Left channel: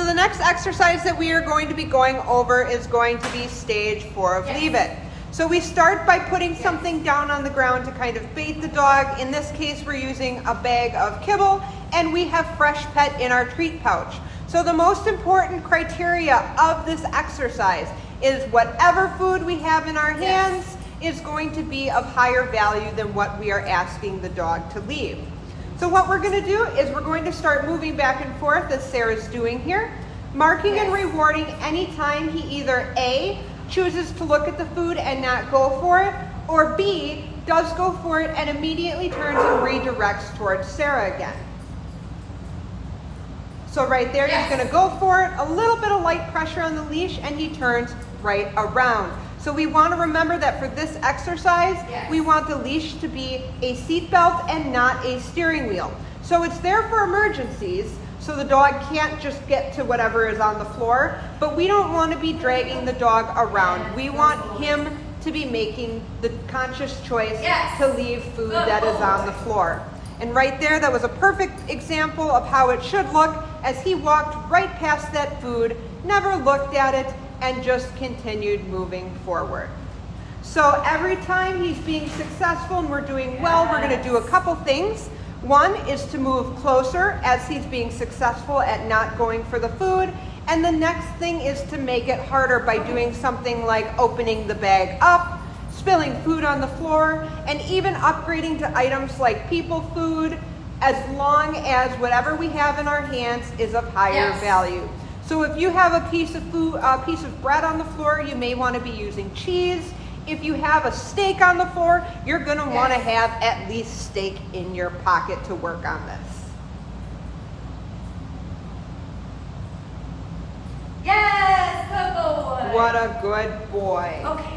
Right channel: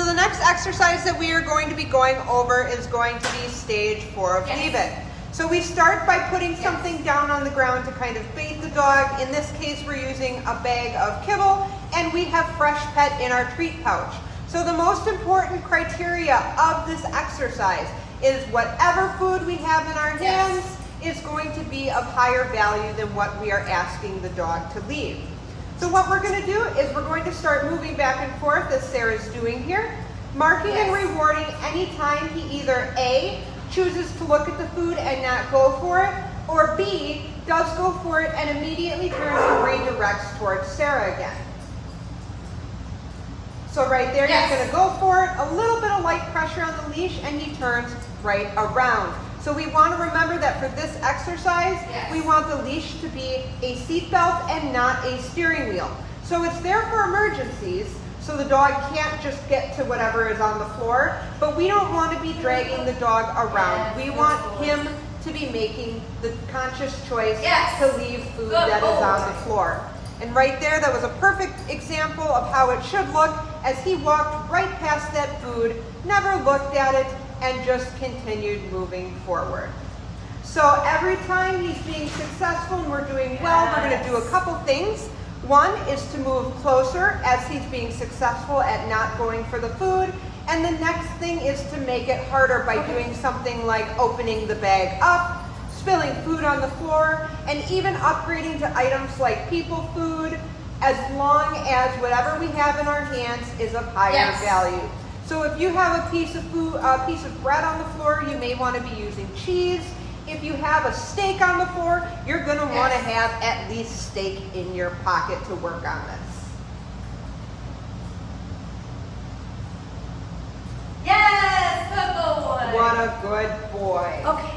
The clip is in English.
So the next exercise that we are going to be going over is going to be stage 4 of Leave It. So we start by putting something down on the ground to kind of bait the dog. In this case, we're using a bag of kibble, and we have Fresh Pet in our treat pouch. So the most important criteria of this exercise is whatever food we have in our hands is going to be of higher value than what we are asking the dog to leave. So what we're going to do is we're going to start moving back and forth as Sarah's doing here, marking and rewarding any time he either A, chooses to look at the food and not go for it, or B, does go for it and immediately turns and redirects towards Sarah again. So right there, he's going to go for it, a little bit of light pressure on the leash, and he turns right around. So we want to remember that for this exercise, we want the leash to be a seat belt and not a steering wheel. So it's there for emergencies, so the dog can't just get to whatever is on the floor, but we don't want to be dragging the dog around. We want him to be making the conscious choice to leave food that is on the floor. And right there, that was a perfect example of how it should look as he walked right past that food, never looked at it, and just continued moving forward. So every time he's being successful and we're doing well, we're going to do a couple things. One is to move closer as he's being successful at not going for the food. And the next thing is to make it harder by doing something like opening the bag up, spilling food on the floor, and even upgrading to items like people food, as long as whatever we have in our hands is of higher value. So if you have a piece of food, a piece of bread on the floor, you may want to be using cheese. If you have a steak on the floor, you're going to want to have at least steak in your pocket to work on this. Yes, good boy. What a good boy. Okay.